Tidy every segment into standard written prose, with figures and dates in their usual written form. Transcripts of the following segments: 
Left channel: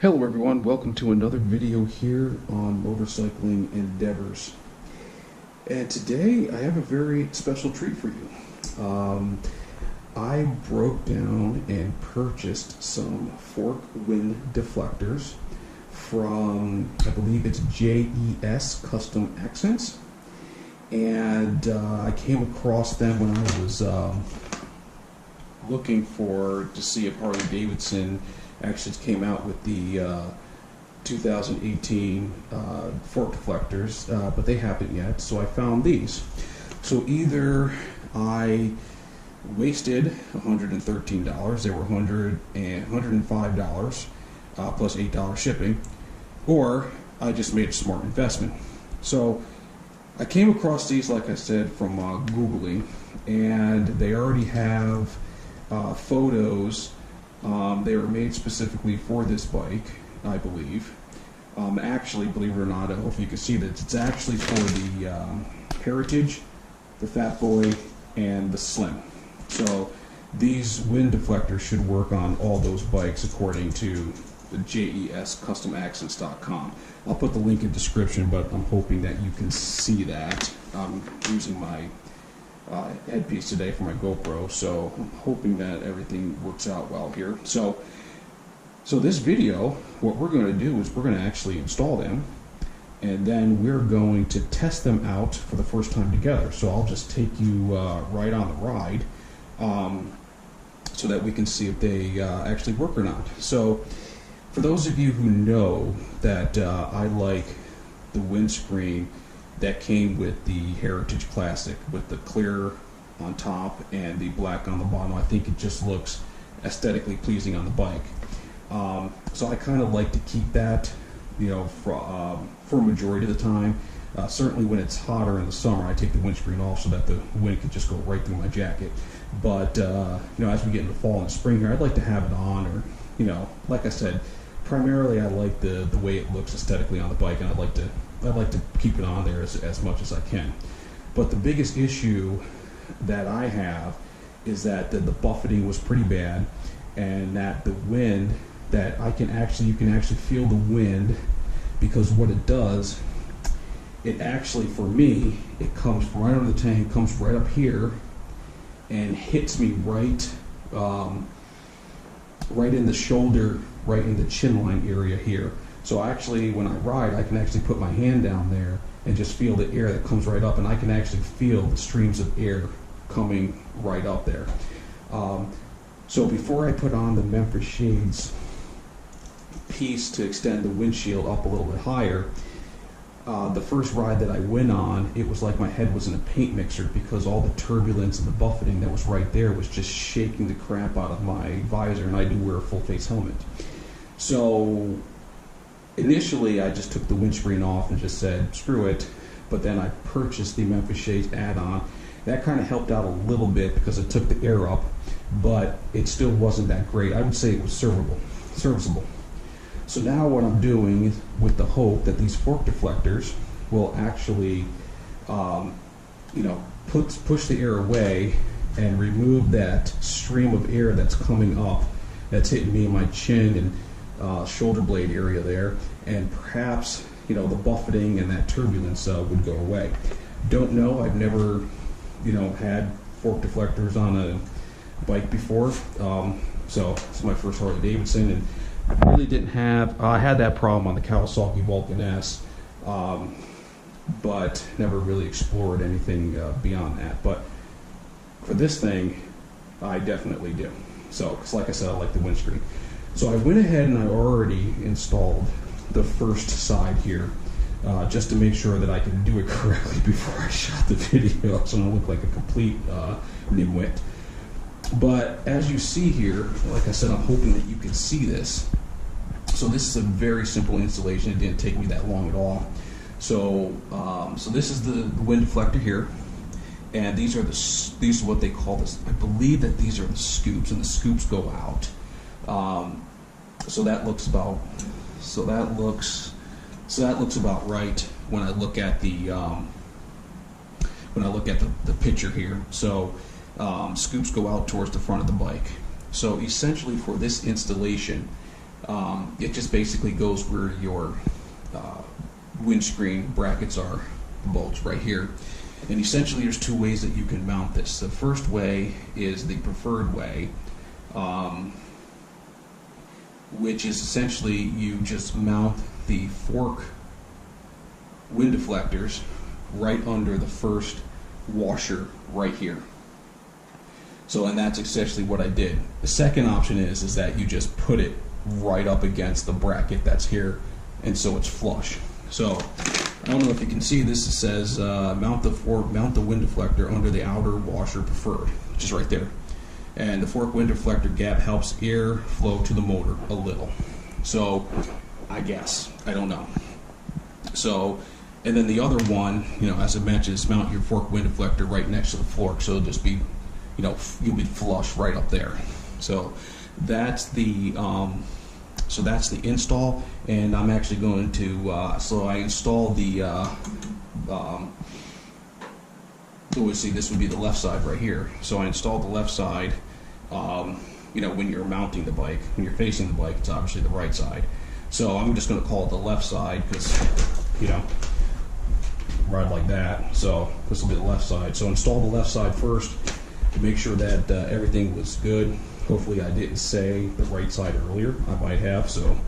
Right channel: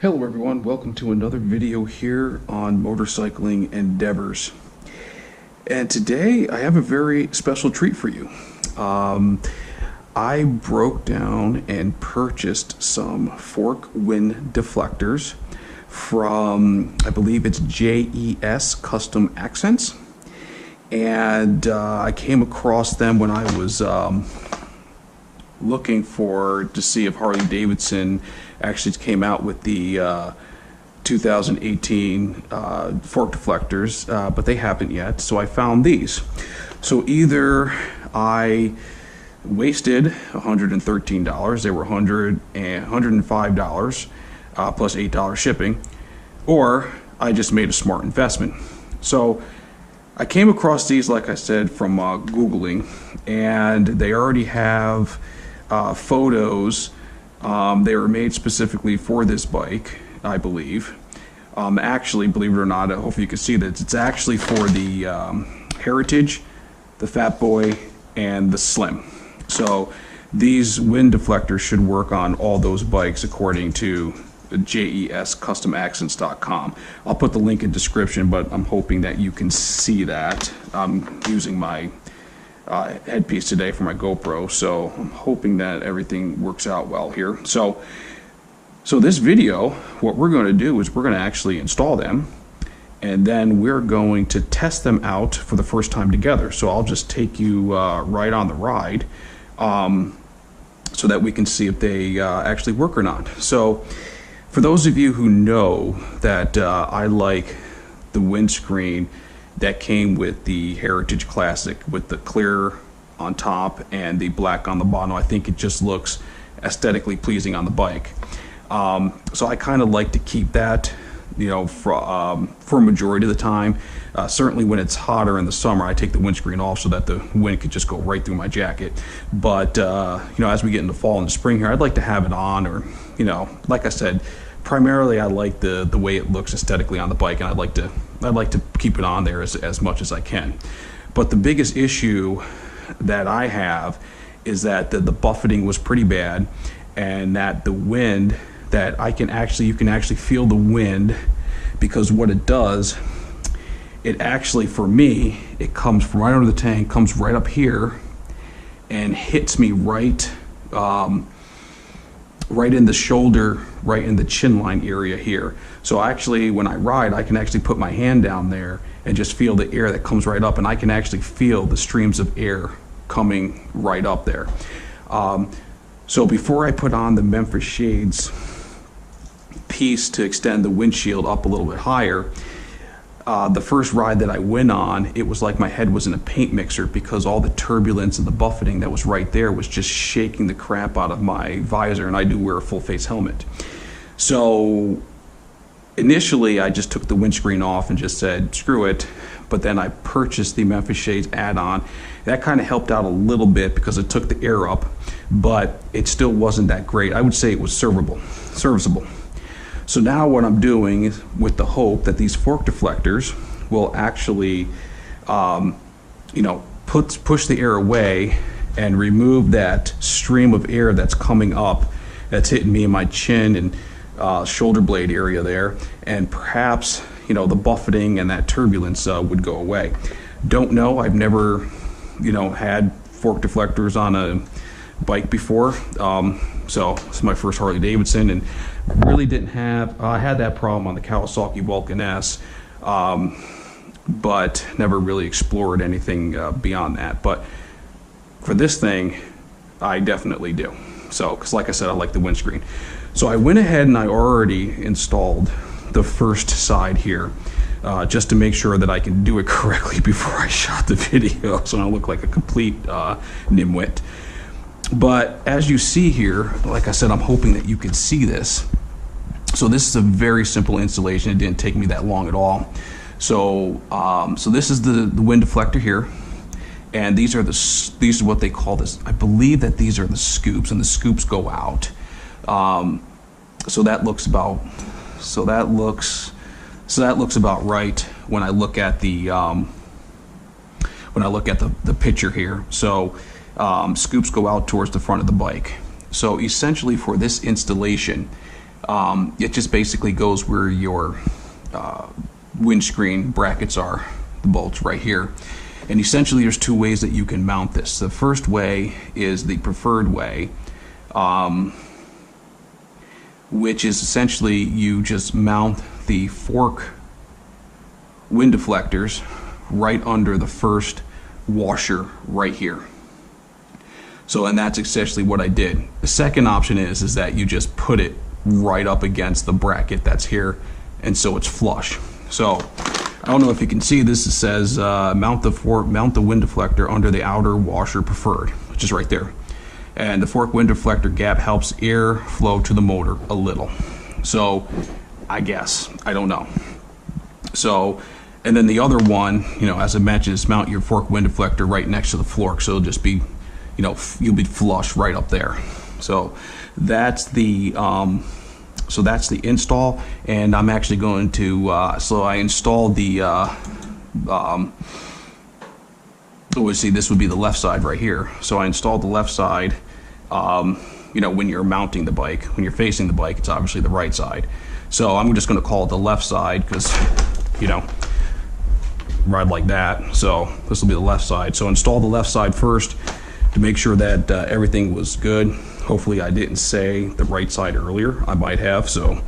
Hello everyone, welcome to another video here on motorcycling endeavors. And today I have a very special treat for you. I broke down and purchased some fork wind deflectors from, I believe it's JESCustomaccents. And I came across them when I was looking to see if Harley Davidson actually came out with the 2018 fork deflectors, but they haven't yet, so I found these. So either I wasted $113, they were $105 plus $8 shipping, or I just made a smart investment. So I came across these, like I said, from Googling, and they already have photos. They were made specifically for this bike, I believe. Actually, believe it or not, hopefully you can see that it's actually for the Heritage, the Fat Boy, and the Slim. So these wind deflectors should work on all those bikes according to JESCustomaccents.com. I'll put the link in description, but I'm hoping that you can see that. I'm using my headpiece today for my GoPro, so I'm hoping that everything works out well here. So this video, what we're going to do is we're going to actually install them, and then we're going to test them out for the first time together. So I'll just take you right on the ride so that we can see if they actually work or not. So for those of you who know that I like the windscreen that came with the Heritage Classic with the clear on top and the black on the bottom. I think it just looks aesthetically pleasing on the bike. So I kind of like to keep that, you know, for a majority of the time. Certainly when it's hotter in the summer, I take the windscreen off so that the wind could just go right through my jacket. But you know, as we get into fall and spring here, I'd like to have it on, or, you know, like I said, primarily I like the way it looks aesthetically on the bike, and I'd like to keep it on there as much as I can. But the biggest issue that I have is that the buffeting was pretty bad, and that the wind, that you can actually feel the wind, because what it does, it actually, for me, it comes from right under the tank, comes right up here and hits me right in the shoulder, right in the chin line area here. So actually, when I ride, I can actually put my hand down there and just feel the air that comes right up, and I can actually feel the streams of air coming right up there. So before I put on the Memphis Shades piece to extend the windshield up a little bit higher, the first ride that I went on, it was like my head was in a paint mixer, because all the turbulence and the buffeting that was right there was just shaking the crap out of my visor, and I do wear a full face helmet. So initially I just took the windscreen off and just said screw it, but then I purchased the Memphis Shades add-on. That kind of helped out a little bit because it took the air up, but it still wasn't that great. I would say it was serviceable. So now what I'm doing is, with the hope that these fork deflectors will actually you know, push the air away and remove that stream of air that's coming up, that's hitting me in my chin and shoulder blade area there, and perhaps, you know, the buffeting and that turbulence would go away. Don't know, I've never, you know, had fork deflectors on a bike before, so it's my first Harley Davidson, and really didn't have, I had that problem on the Kawasaki Vulcan S, but never really explored anything beyond that. But for this thing, I definitely do. So, because like I said, I like the windscreen. So I went ahead and I already installed the first side here, just to make sure that I can do it correctly before I shot the video, so I don't look like a complete nimwit. But as you see here, like I said, I'm hoping that you can see this. So this is a very simple installation. It didn't take me that long at all. So so this is the wind deflector here, and these are what they call this. I believe that these are the scoops, and the scoops go out. So that looks about right when I look at the picture here. So scoops go out towards the front of the bike. So essentially for this installation, It just basically goes where your windscreen brackets are, the bolts right here. And essentially there's two ways that you can mount this. The first way is the preferred way, which is essentially you just mount the fork wind deflectors right under the first washer right here. So, and that's essentially what I did. The second option is that you just put it right up against the bracket that's here, and so it's flush. So I don't know if you can see this. It says mount the wind deflector under the outer washer preferred, which is right there. And the fork wind deflector gap helps air flow to the motor a little. So I guess, I don't know. So, and then the other one, you know, as I mentioned, is mount your fork wind deflector right next to the fork, so it'll just be, you know, you'll be flush right up there. So that's the install, and I'm actually going to so I installed the see, this would be the left side right here. So I installed the left side. You know, when you're mounting the bike, when you're facing the bike, it's obviously the right side. So I'm just going to call it the left side because, you know, ride like that. So this will be the left side. So install the left side first to make sure that everything was good. Hopefully I didn't say the right side earlier. I might have, so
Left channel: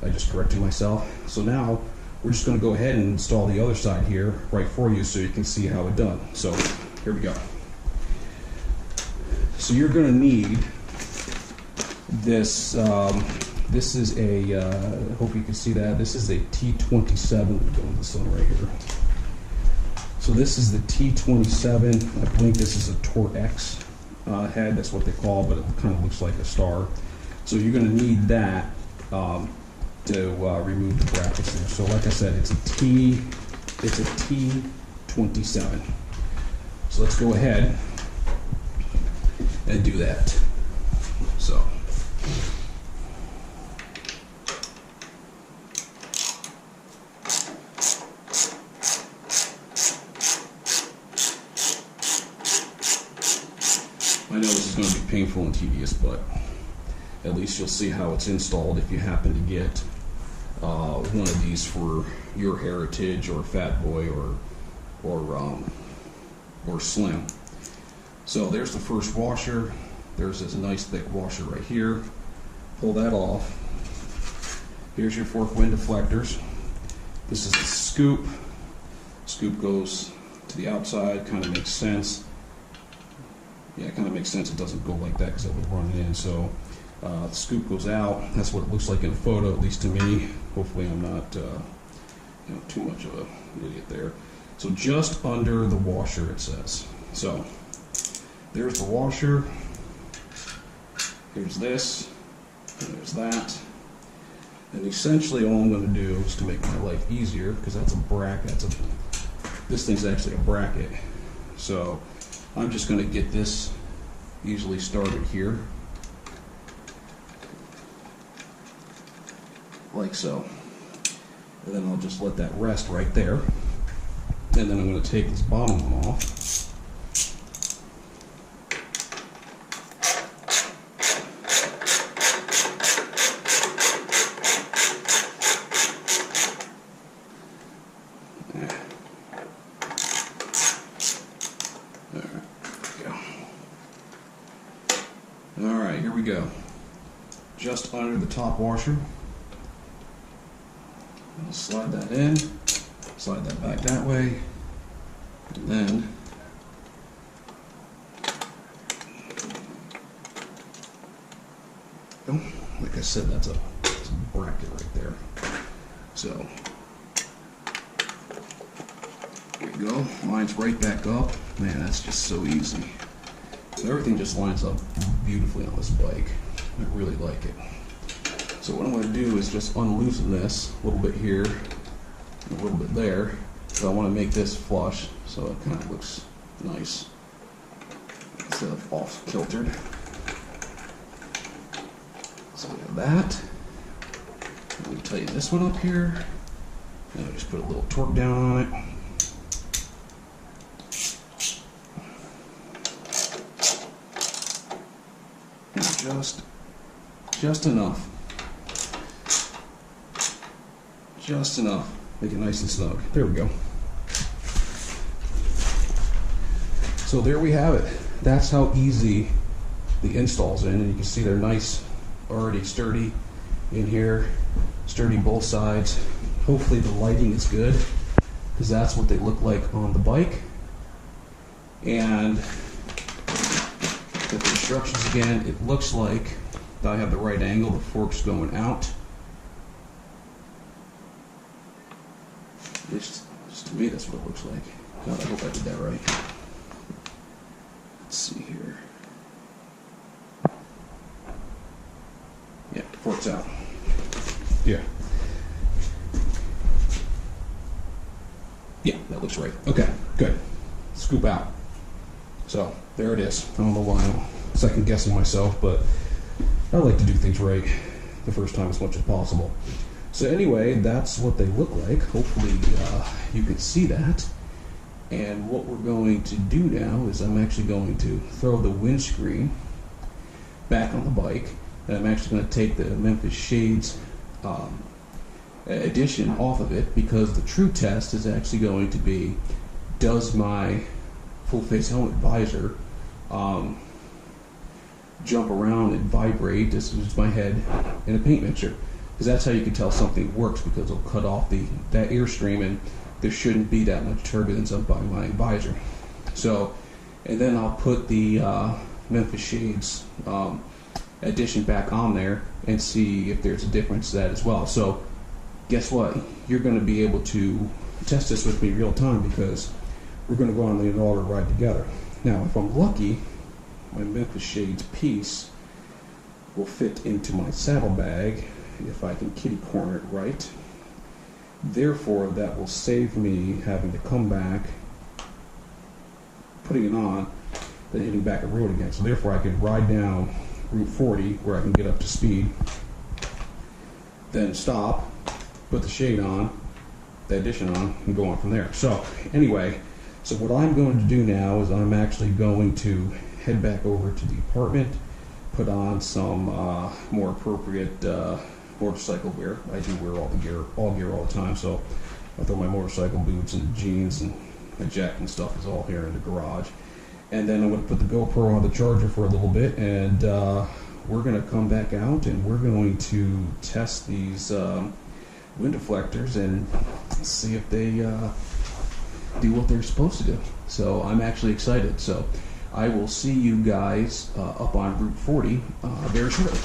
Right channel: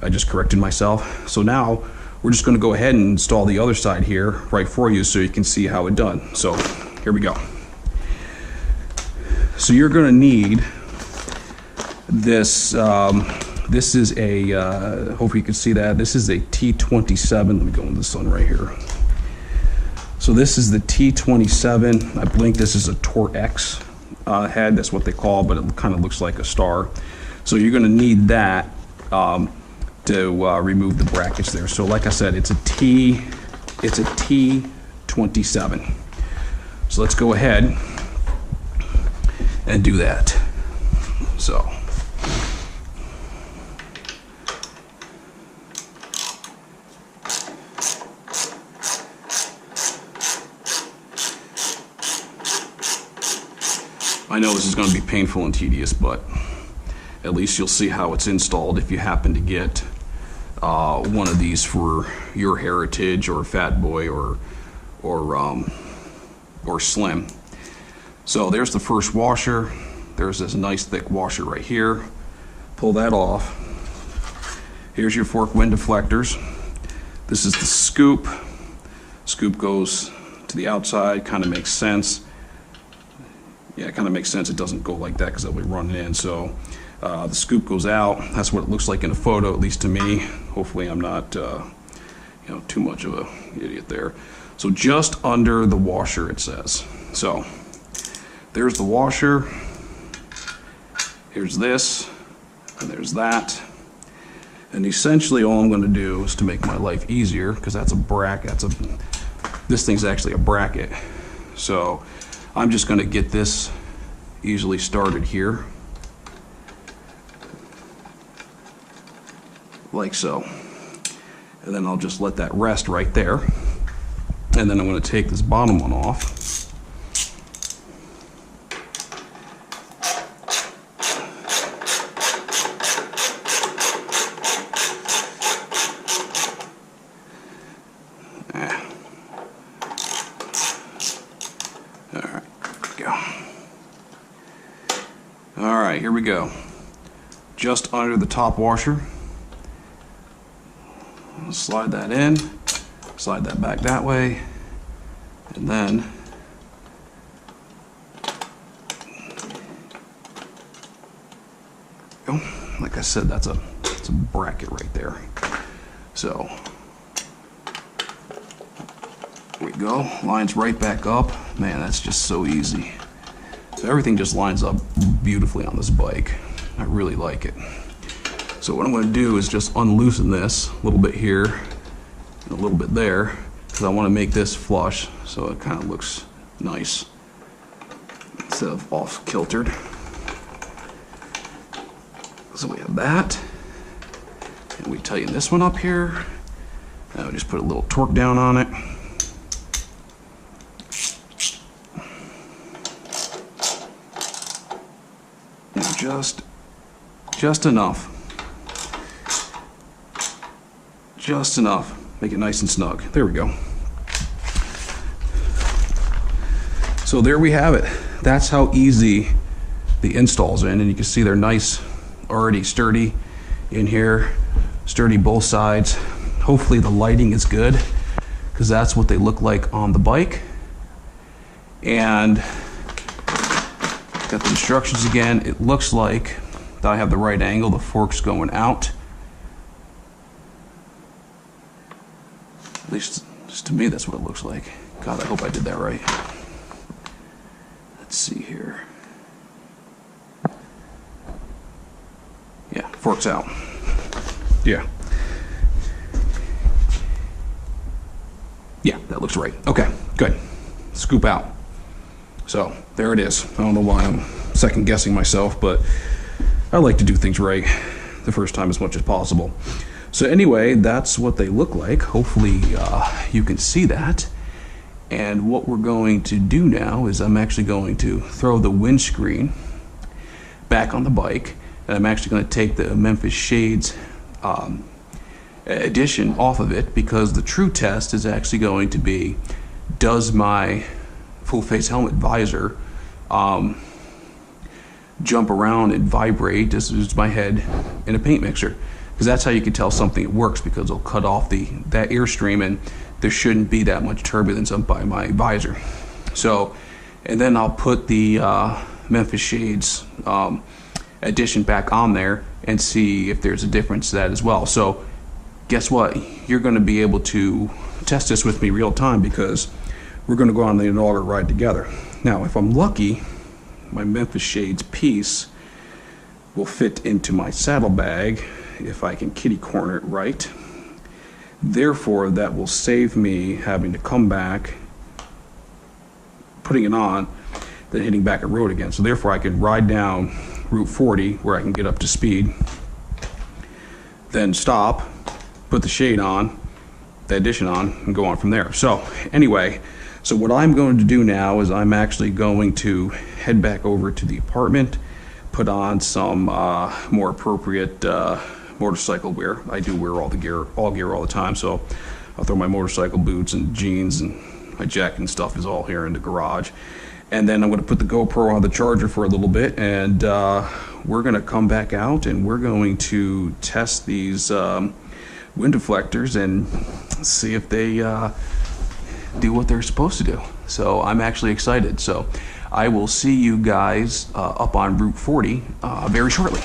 I just corrected myself. So now we're just going to go ahead and install the other side here right for you so you can see how it done. So here we go. So you're going to need this. This is a, hopefully you can see that. This is a T27. Let me go into the sun right here. So this is the T27. I believe this is a Tor X head. That's what they call, but it kind of looks like a star. So you're going to need that to remove the brackets there. So like I said, it's a T27. So let's go ahead and do that. So I know this is going to be painful and tedious, but at least you'll see how it's installed if you happen to get one of these for your Heritage or Fat Boy or Slim. So there's the first washer. There's this nice thick washer right here. Pull that off. Here's your fork wind deflectors. This is the scoop. Scoop goes to the outside, kind of makes sense. Yeah, it kind of makes sense. It doesn't go like that because it'll be running in. So the scoop goes out. That's what it looks like in a photo, at least to me. Hopefully I'm not you know, too much of an idiot there. So just under the washer, it says. So there's the washer. Here's this, and there's that. And essentially all I'm going to do is to make my life easier, because that's a bracket. This thing's actually a bracket. So I'm just going to get this easily started here, like so. And then I'll just let that rest right there. And then I'm going to take this bottom one off. Alright, here we go. Just under the top washer. I'll slide that in, slide that back that way, and then go. Like I said, that's a bracket right there. So there we go. Lines right back up. Man, that's just so easy. So everything just lines up beautifully on this bike. I really like it. So what I'm going to do is just unloosen this a little bit here and a little bit there, because I want to make this flush so it kind of looks nice instead of off kiltered. So we have that. And we tighten this one up here. Now just put a little torque down on it. And just enough. just enough. Make it nice and snug. There we go. So there we have it. That's how easy the install's in, and you can see they're nice, already sturdy in here, sturdy both sides. Hopefully the lighting is good, because that's what they look like on the bike. And got the instructions again. It looks like I have the right angle, the fork's going out. At least to me that's what it looks like. God, I hope I did that right. Let's see here. Yeah, fork's out. Yeah. Yeah, that looks right. Okay, good. Scoop out. So, there it is. I don't know why I'm second guessing myself, but I like to do things right the first time as much as possible. So anyway, that's what they look like. Hopefully you can see that. And what we're going to do now is I'm actually going to throw the windscreen back on the bike, and I'm actually going to take the Memphis Shades edition off of it, because the true test is actually going to be, does my full face helmet visor jump around and vibrate as my head in a paint mixer? Because that's how you can tell something works, because it'll cut off that airstream, and there shouldn't be that much turbulence up by my visor. So, and then I'll put the Memphis Shades edition back on there and see if there's a difference to that as well. So guess what? You're going to be able to test this with me real time, because we're going to go on the inaugural ride together. Now, if I'm lucky, my Memphis Shades piece will fit into my saddlebag if I can kitty corner it right. Therefore, that will save me having to come back, putting it on, then hitting back at road again. So therefore, I can ride down Route 40 where I can get up to speed, then stop, put the shade on, the addition on, and go on from there. So anyway, so what I'm going to do now is I'm actually going to head back over to the apartment, put on some more appropriate motorcycle wear. I do wear all gear all the time, so I'll throw my motorcycle boots and jeans, and my jacket and stuff is all here in the garage. And then I'm going to put the GoPro on the charger for a little bit, and we're going to come back out and we're going to test these wind deflectors and see if they do what they're supposed to do. So I'm actually excited. So I will see you guys up on Route 40 very shortly.